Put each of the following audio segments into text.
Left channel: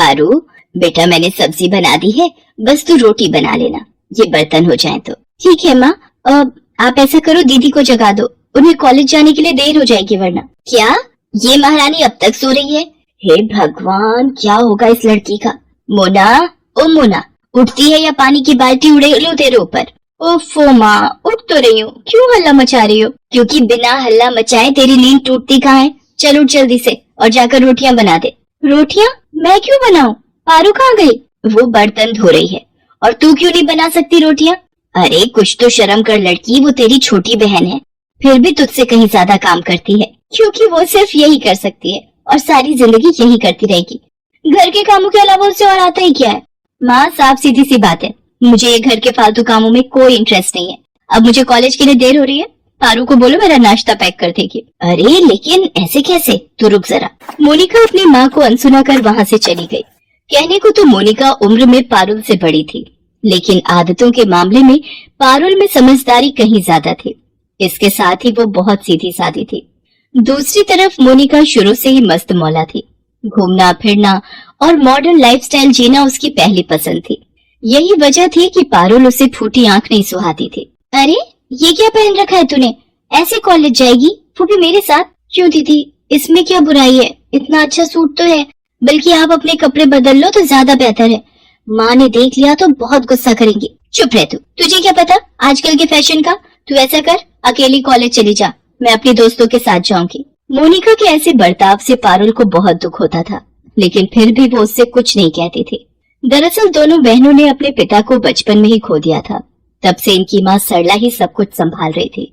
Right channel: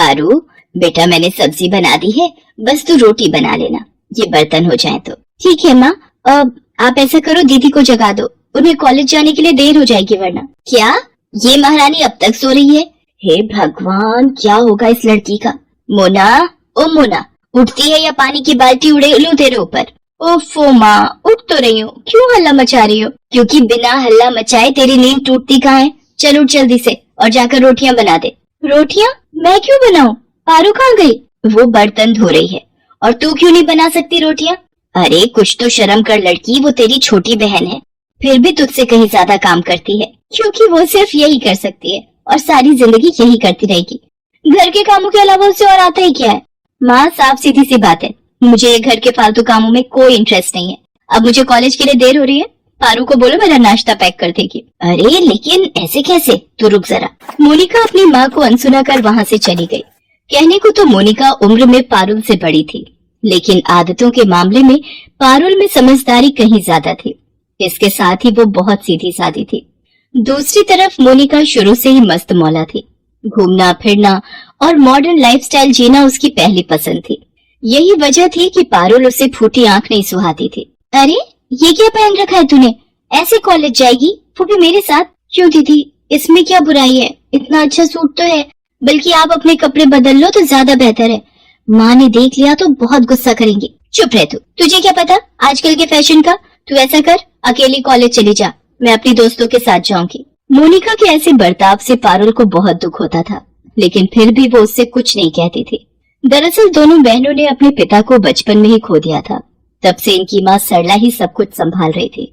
पारू बेटा, मैंने सब्जी बना दी है, बस तू रोटी बना लेना, ये बर्तन हो जाए तो। ठीक है माँ। आप ऐसा करो, दीदी को जगा दो, उन्हें कॉलेज जाने के लिए देर हो जाएगी वरना। क्या ये महारानी अब तक सो रही है? हे भगवान, क्या होगा इस लड़की का। मोना, ओ मोना, उठती है या पानी की बाल्टी उड़े लूं तेरे ऊपर। ओफो माँ, उठ तो रही हूँ, क्यों हल्ला मचा रही हो? क्योंकि बिना हल्ला मचाए तेरी नींद टूटती कहाँ है। चल उठ जल्दी से और जाकर रोटियां बना दे। रोटियां? मैं क्यों बनाऊं? पारू कहाँ गई? वो बर्तन धो रही है। और तू क्यों नहीं बना सकती रोटियां? अरे कुछ तो शर्म कर लड़की, वो तेरी छोटी बहन है, फिर भी तुझसे कहीं ज्यादा काम करती है, क्योंकि वो सिर्फ यही कर सकती है और सारी जिंदगी यही करती रहेगी। घर के कामों के अलावा उससे और आता ही क्या है? माँ, साफ सीधी सी बात है, मुझे ये घर के फालतू कामों में कोई इंटरेस्ट नहीं है। अब मुझे कॉलेज के लिए देर हो रही है, पारू को बोलो मेरा नाश्ता पैक कर देगी। अरे लेकिन ऐसे कैसे? तू रुक जरा। मोनिका अपनी माँ को अनसुना कर वहाँ से चली गई। कहने को तो मोनिका उम्र में पारुल से बड़ी थी, लेकिन आदतों के मामले में पारुल में समझदारी कहीं ज्यादा थी। इसके साथ ही वो बहुत सीधी सादी थी। दूसरी तरफ मोनिका शुरू से ही मस्त मौला थी। घूमना फिरना और मॉडर्न लाइफस्टाइल जीना उसकी पहली पसंद थी। यही वजह थी कि पारुल उसे फूटी आंख नहीं सुहाती थी। अरे ये क्या पहन रखा है तूने? ऐसे कॉलेज जाएगी, वो भी मेरे साथ? क्यों दीदी, इसमें क्या बुराई है? इतना अच्छा सूट तो है, बल्कि आप अपने कपड़े बदल लो तो ज्यादा बेहतर है। माँ ने देख लिया तो बहुत गुस्सा करेंगी। चुप रह तू, तुझे क्या पता आजकल के फैशन का। तू ऐसा कर, अकेली कॉलेज चली जा, मैं अपनी दोस्तों के साथ जाऊंगी। मोनिका के ऐसे बर्ताव से पारुल को बहुत दुख होता था, लेकिन फिर भी वो उससे कुछ नहीं कहती थी। दरअसल दोनों बहनों ने अपने पिता को बचपन में ही खो दिया था। तब से इनकी माँ सरला ही सब कुछ संभाल रही थी।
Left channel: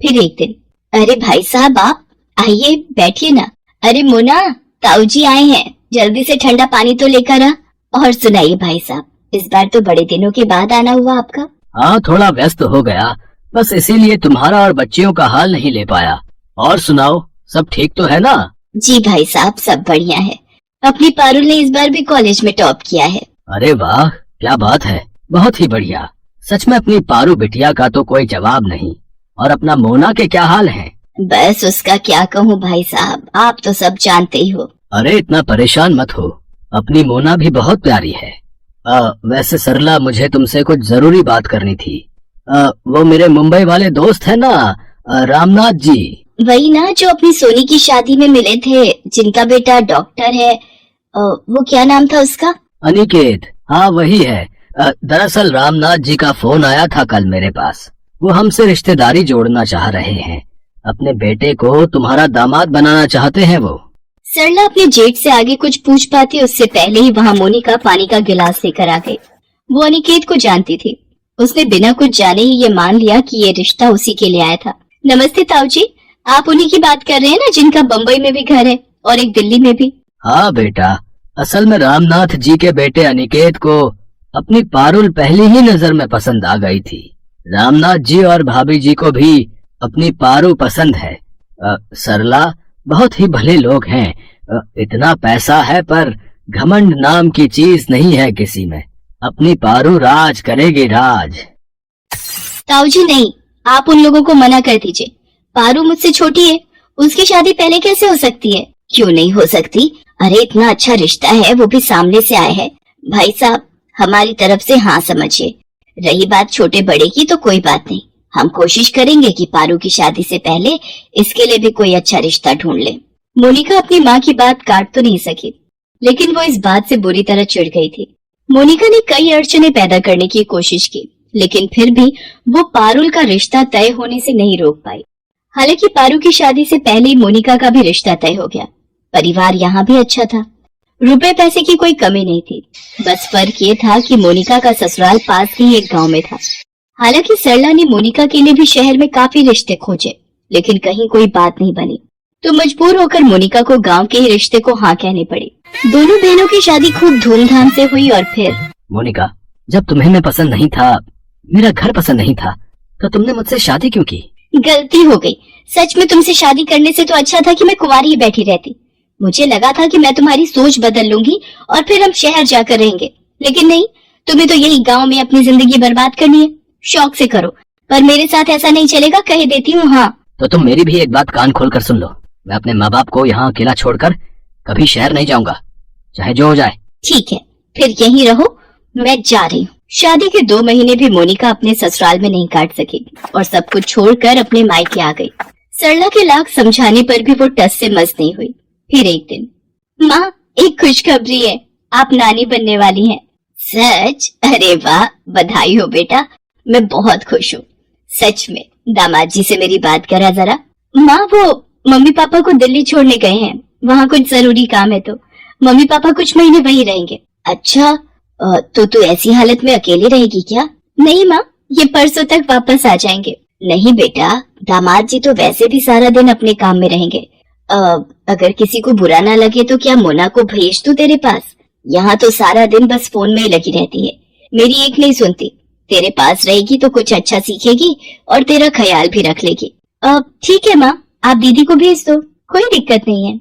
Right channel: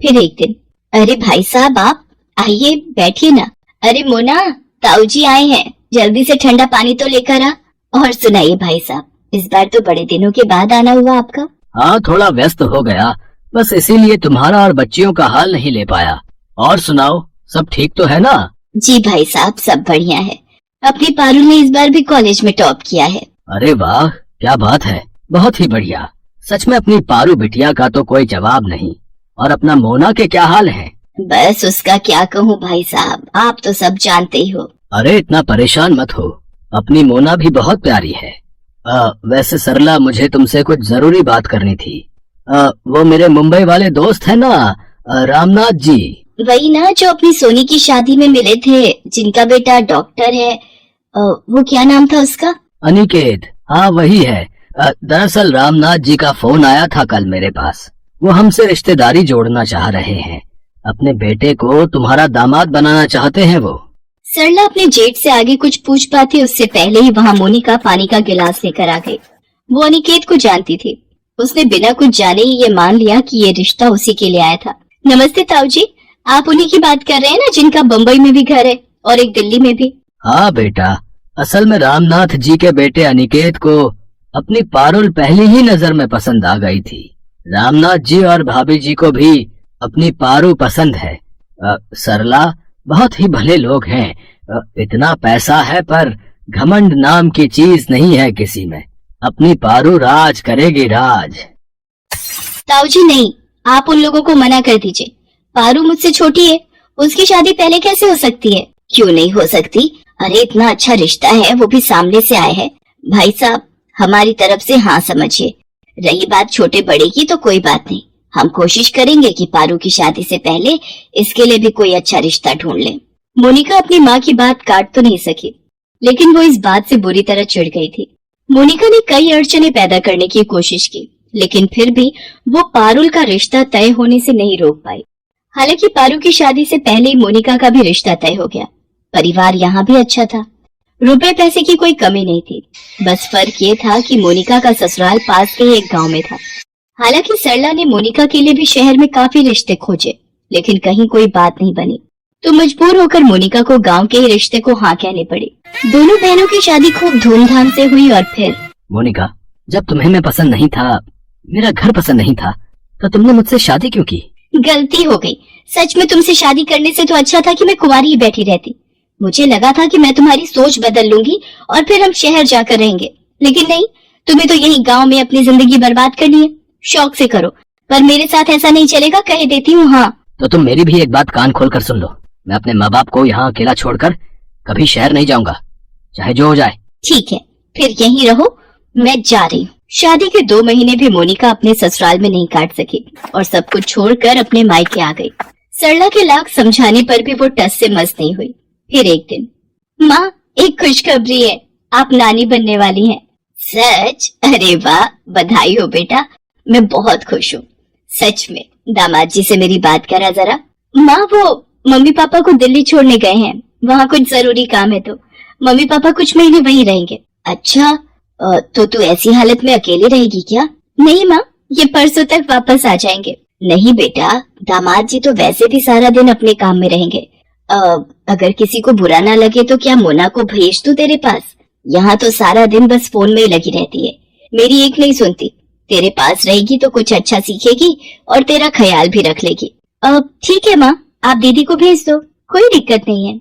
फिर एक दिन, अरे भाई साहब, आप आइए, बैठिए ना। अरे मोना, ताऊ जी आए हैं, जल्दी से ठंडा पानी तो लेकर आ। और सुनाइए भाई साहब, इस बार तो बड़े दिनों के बाद आना हुआ आपका। हाँ, थोड़ा व्यस्त हो गया, बस इसीलिए तुम्हारा और बच्चियों का हाल नहीं ले पाया। और सुनाओ, सब ठीक तो है ना? जी भाई साहब, सब बढ़िया है। अपनी पारुल ने इस बार भी कॉलेज में टॉप किया है। अरे वाह, क्या बात है, बहुत ही बढ़िया। सच में अपनी पारू बिटिया का तो कोई जवाब नहीं। और अपना मोना के क्या हाल है? बस उसका क्या कहूँ भाई साहब, आप तो सब जानते ही हो। अरे इतना परेशान मत हो, अपनी मोना भी बहुत प्यारी है। वैसे सरला, मुझे तुमसे कुछ जरूरी बात करनी थी। वो मेरे मुंबई वाले दोस्त है ना, रामनाथ जी। वही ना, जो अपनी सोनी की शादी में मिले थे, जिनका बेटा डॉक्टर है। वो क्या नाम था उसका? अनिकेत। हाँ वही है। दरअसल रामनाथ जी का फोन आया था कल मेरे पास। वो हमसे रिश्तेदारी जोड़ना चाह रहे हैं। अपने बेटे को तुम्हारा दामाद बनाना चाहते हैं वो। सरला अपने जेठ से आगे कुछ पूछ पाती उससे पहले ही वहाँ मोनिका पानी का गिलास लेकर आ गई। वो अनिकेत को जानती थी। उसने बिना कुछ जाने ही ये मान लिया कि ये रिश्ता उसी के लिए आया था। नमस्ते ताऊ जी, आप उन्हीं की बात कर रहे हैं ना, जिनका बम्बई में भी घर है और एक दिल्ली में भी? हाँ बेटा, असल में रामनाथ जी के बेटे अनिकेत को अपनी पारुल पहली ही नजर में पसंद आ गई थी। रामनाथ जी और भाभी जी को भी अपनी पारू पसंद है। सरला बहुत ही भले लोग हैं। इतना पैसा है पर घमंड नाम की चीज नहीं है किसी में। अपनी पारू राज करेगी, राज। ताऊ जी नहीं, आप उन लोगों को मना कर दीजिए। पारू मुझसे छोटी है, उसकी शादी पहले कैसे हो सकती है? क्यों नहीं हो सकती? अरे इतना अच्छा रिश्ता है, वो भी सामने से आए हैं। भाई साहब, हमारी तरफ से हाँ समझिए। रही बात छोटे बड़े की तो कोई बात नहीं, हम कोशिश करेंगे कि पारू की शादी से पहले इसके लिए भी कोई अच्छा रिश्ता ढूंढ ले। मोनिका अपनी माँ की बात काट तो नहीं सकी, लेकिन वो इस बात से बुरी तरह चिढ़ गई थी। मोनिका ने कई अड़चने पैदा करने की कोशिश की, लेकिन फिर भी वो पारुल का रिश्ता तय होने से नहीं रोक पाई। हालांकि पारू की शादी से पहले ही मोनिका का भी रिश्ता तय हो गया। परिवार यहाँ भी अच्छा था, रुपए पैसे की कोई कमी नहीं थी। बस फर्क ये था कि मोनिका का ससुराल पास के ही एक गांव में था। हालांकि सरला ने मोनिका के लिए भी शहर में काफी रिश्ते खोजे, लेकिन कहीं कोई बात नहीं बनी, तो मजबूर होकर मोनिका को गांव के ही रिश्ते को हाँ कहनी पड़ी। दोनों बहनों की शादी खूब धूमधाम से हुई। और फिर मोनिका, जब तुम्हें मैं पसंद नहीं था, मेरा घर पसंद नहीं था, तो तुमने मुझसे शादी क्यों की? गलती हो गई। सच में तुमसे शादी करने से तो अच्छा था कि मैं कुंवारी ही बैठी रहती। मुझे लगा था कि मैं तुम्हारी सोच बदल लूंगी और फिर हम शहर जाकर रहेंगे, लेकिन नहीं, तुम्हें तो यही गांव में अपनी जिंदगी बर्बाद करनी है। शौक से करो, पर मेरे साथ ऐसा नहीं चलेगा, कह देती हूँ। हाँ तो तुम मेरी भी एक बात कान खोल कर सुन लो। मैं अपने माँ बाप को यहाँ अकेला छोड़कर कभी शहर नहीं जाऊंगा, चाहे जो हो जाए। ठीक है, फिर यहीं रहो, मैं जा रही हूँ। शादी के 2 महीने भी मोनिका अपने ससुराल में नहीं काट सकी और सब कुछ छोड़कर अपने मायके आ गई। सरला के लाख समझाने पर भी वो टस से मस नहीं हुई। फिर एक दिन, माँ, एक खुशखबरी है, आप नानी बनने वाली हैं। सच? अरे वाह, बधाई हो बेटा, मैं बहुत खुश हूँ। सच में? दामाद जी से मेरी बात करा जरा। माँ, वो मम्मी पापा को दिल्ली छोड़ने गए हैं, वहाँ कुछ जरूरी काम है, तो मम्मी पापा कुछ महीने वहीं रहेंगे। अच्छा, तो तू ऐसी हालत में अकेली रहेगी क्या? नहीं माँ, ये परसों तक वापस आ जाएंगे। नहीं बेटा, दामाद जी तो वैसे भी सारा दिन अपने काम में रहेंगे। अगर किसी को बुरा ना लगे तो क्या मोना को भेज दूं तेरे पास? यहाँ तो सारा दिन बस फोन में ही लगी रहती है, मेरी एक नहीं सुनती। तेरे पास रहेगी तो कुछ अच्छा सीखेगी और तेरा ख्याल भी रख लेगी। ठीक है माँ, आप दीदी को भेज दो, कोई दिक्कत नहीं है।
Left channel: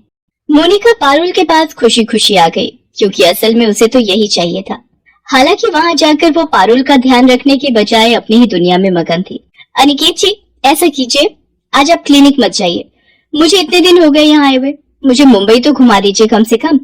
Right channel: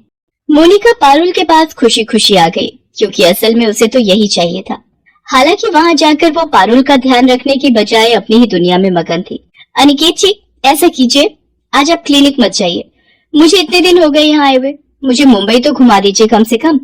मोनिका पारुल के पास खुशी खुशी आ गई, क्योंकि असल में उसे तो यही चाहिए था। हालांकि वहाँ जाकर वो पारुल का ध्यान रखने की बजाय अपनी ही दुनिया में मगन थी। अनिकेत जी, ऐसा कीजिए, आज आप क्लिनिक मत जाइए, मुझे इतने दिन हो गए यहाँ आए हुए, मुझे मुंबई तो घुमा दीजिए कम से कम।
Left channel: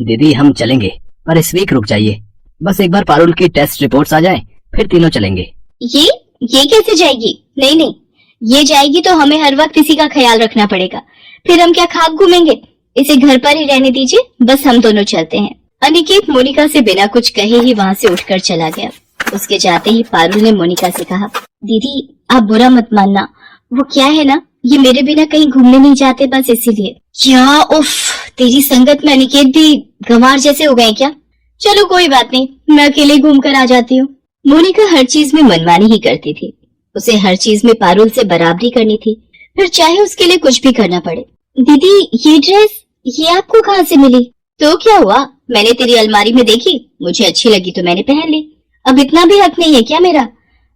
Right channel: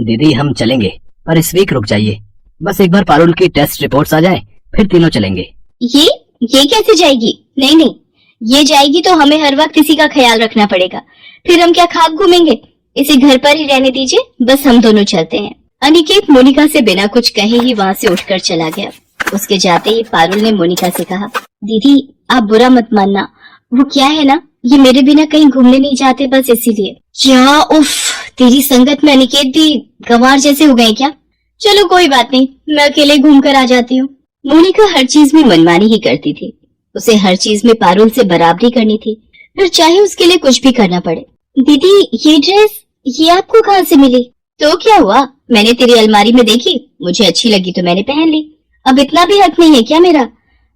दीदी हम चलेंगे, पर इस वीक रुक जाइए, बस एक बार पारुल की टेस्ट रिपोर्ट्स आ जाए, फिर तीनों चलेंगे। ये कैसे जाएगी? नहीं नहीं, ये जाएगी तो हमें हर वक्त इसी का ख्याल रखना पड़ेगा, फिर हम क्या खाक घूमेंगे? इसे घर पर ही रहने दीजिए, बस हम दोनों चलते हैं। अनिकेत मोनिका से बिना कुछ कहे ही वहाँ से उठकर चला गया। उसके जाते ही पारुल ने मोनिका से कहा, दीदी आप बुरा मत मानना, वो क्या है ना, ये मेरे बिना कहीं घूमने नहीं जाते, बस इसीलिए। क्या उफ, तेरी संगत में अनिकेत भी गंवार जैसे हो गए क्या? चलो कोई बात नहीं, मैं अकेले घूम कर आ जाती हूँ। मोनिका हर चीज में मनमानी ही करती थी, उसे हर चीज में पारुल से बराबरी करनी थी, फिर चाहे उसके लिए कुछ भी करना पड़े। दीदी ये ड्रेस, ये आपको कहाँ से मिली? तो क्या हुआ, मैंने तेरी अलमारी में देखी, मुझे अच्छी लगी तो मैंने पहन ली। अब इतना भी हक नहीं है क्या मेरा?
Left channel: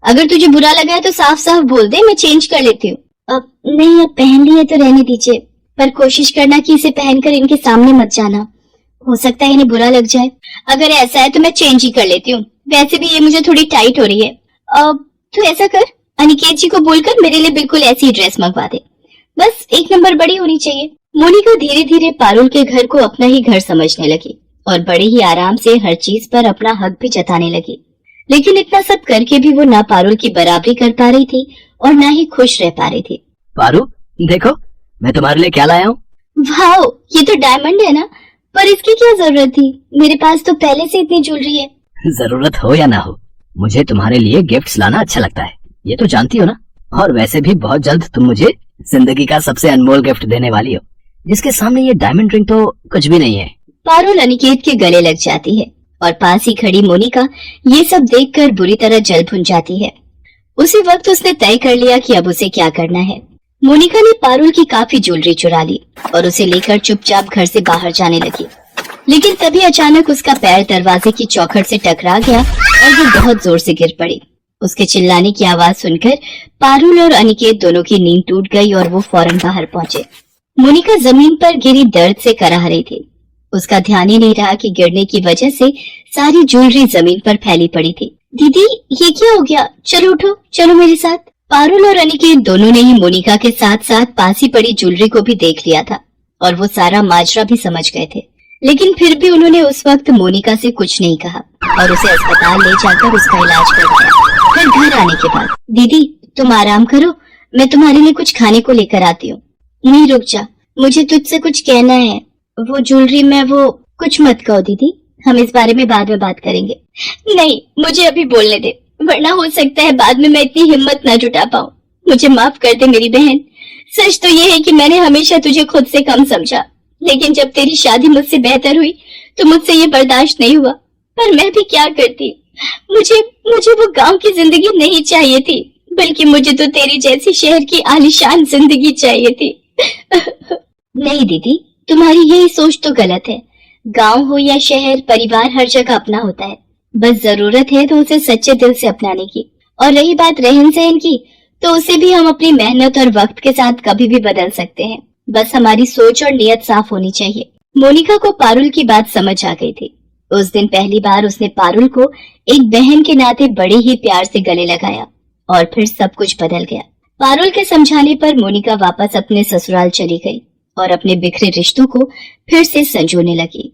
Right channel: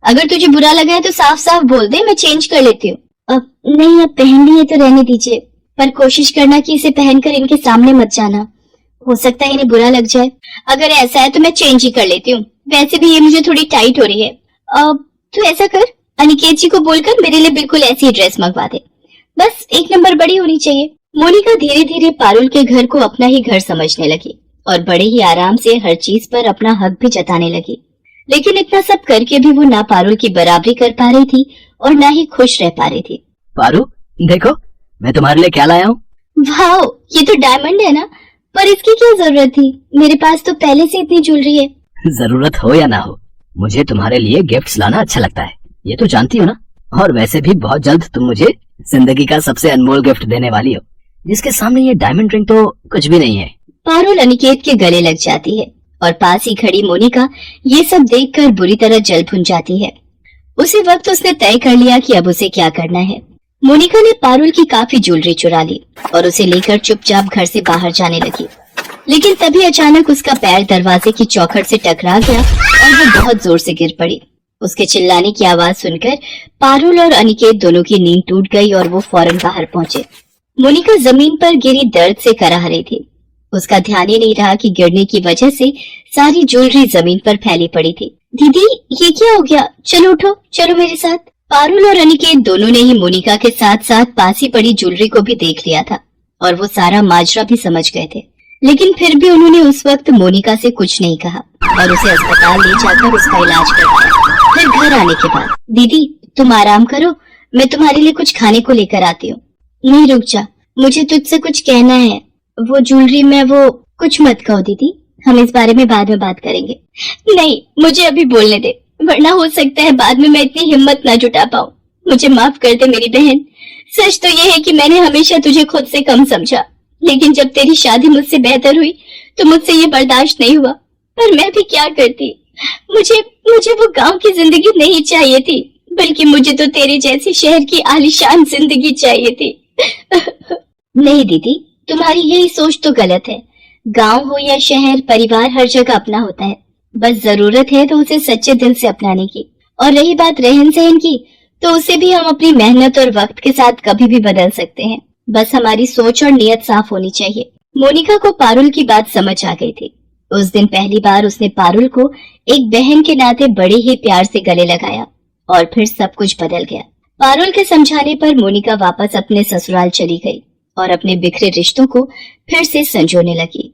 अगर तुझे बुरा लगा है तो साफ साफ बोल दे, मैं चेंज कर लेती हूँ। अब नहीं, अब पहन ली है तो रहने दीजिए, पर कोशिश करना कि इसे पहनकर इनके सामने मत जाना, हो सकता है इन्हें बुरा लग जाए। अगर ऐसा है तो मैं चेंज ही कर लेती हूँ, वैसे भी ये मुझे थोड़ी टाइट हो रही है। अब तू ऐसा कर, अनिकेत जी को बोलकर मेरे लिए बिल्कुल ऐसी ड्रेस मंगवा दे, बस 1 नंबर बड़ी होनी चाहिए। मोनिका धीरे धीरे पारुल के घर को अपना ही घर समझने लगी और बड़े ही आराम से हर चीज पर अपना हक भी जताने लगी। लेकिन इतना सब करके भी वो ना पारुल की बराबरी कर पा रही थी और ना ही खुश रह पा रही थी। पारू देखो, मैं तुम्हारे लिए क्या लाया हूँ। वाह, ये तो डायमंड है ना, पर इसकी क्या जरूरत थी, मेरे पास तो पहले से इतनी ज्वेलरी है। जरूरत हो या ना हो, मुझे तुम्हारे लिए गिफ्ट्स लाना अच्छा लगता है, ये तो जानती हो ना। और वैसे भी बहुत जल्द तुम मुझे जिंदगी का सबसे अनमोल गिफ्ट देने वाली हो, जिसके सामने ये डायमंड रिंग तो कुछ भी नहीं है। पारुल अनिकेत के गले लग जाती है और पास ही खड़ी मोनिका ये सब देखकर बुरी तरह जल भुन जाती है। उसी वक्त उसने तय कर लिया कि अब उसे क्या करना है। मोनिका ने पारुल की काफी ज्वेलरी चुरा ली और उसे लेकर चुपचाप घर से बाहर जाने लगी। लेकिन तभी अचानक उसका पैर दरवाजे की चौखट से टकरा गया और वो बहुत जोर से गिर पड़ी। उसके चिल्लाने की आवाज सुनकर पारुल और अनिकेत दोनों की नींद टूट गई और वो फौरन बाहर पहुंचे। मोनिका जमीन पर गिरी दर्द से कराह रही थी। उसका ध्यान ही नहीं रहा कि गिरने की वजह से सारी ज्वेलरी जमीन पर फैली पड़ी थी। दीदी ये क्या हो गया, चलो उठो, चलो मेरे साथ। पारुल और अनिकेत दोनों ने ही मोनिका के साथ साथ पास ही पड़ी ज्वेलरी को भी देख लिया था और वो सारा माजरा भी समझ गए थे। लेकिन फिर भी उन्होंने उस वक्त मोनिका से कुछ नहीं कहा और उसे अस्पताल ले जाकर उसका इलाज करवाया। फिर घर आने के बाद, दीदी तुम आराम करो, मैं तुम्हारे लिए कुछ खाने को लेकर आती हूँ। नहीं रुक जा, मुझे तुझसे कुछ कहना है। वो ज्वेलरी में वो कुछ मत कहो दीदी, हम इस बारे में बाद में बात करेंगे। नहीं, मुझे अभी बोलने दे, वरना हो सकता है बाद में मैं इतनी हिम्मत ना जुटा पाऊँ। मुझे माफ कर दे मेरी बहन। सच तो ये है कि मैंने हमेशा तुझे खुद से कम समझा, लेकिन जब तेरी शादी मुझसे बेहतर हुई तो मुझसे ये बर्दाश्त नहीं हुआ। पर मैं भी क्या करती, मुझे वो गांव की जिंदगी नहीं चाहिए थी, बल्कि मुझे तो तेरी जैसी शहर की आलीशान जिंदगी चाहिए थी। नहीं दीदी, तुम्हारी यही सोच तो गलत है। गांव हो या शहर, परिवार हर जगह अपना होता है, बस जरूरत है तो उसे सच्चे दिल से अपनाने की। और रही बात रहन सहन की, तो उसे भी हम अपनी मेहनत और वक्त के साथ कभी भी बदल सकते हैं, बस हमारी सोच और नियत साफ होनी चाहिए। मोनिका को पारुल की बात समझ आ गई थी। उस दिन पहली बार उसने पारुल को एक बहन के नाते बड़े ही प्यार से गले लगाया और फिर सब कुछ बदल गया। पारुल के समझाने पर मोनिका वापस अपने ससुराल चली गई और अपने बिखरे रिश्तों को फिर से संजोने लगी।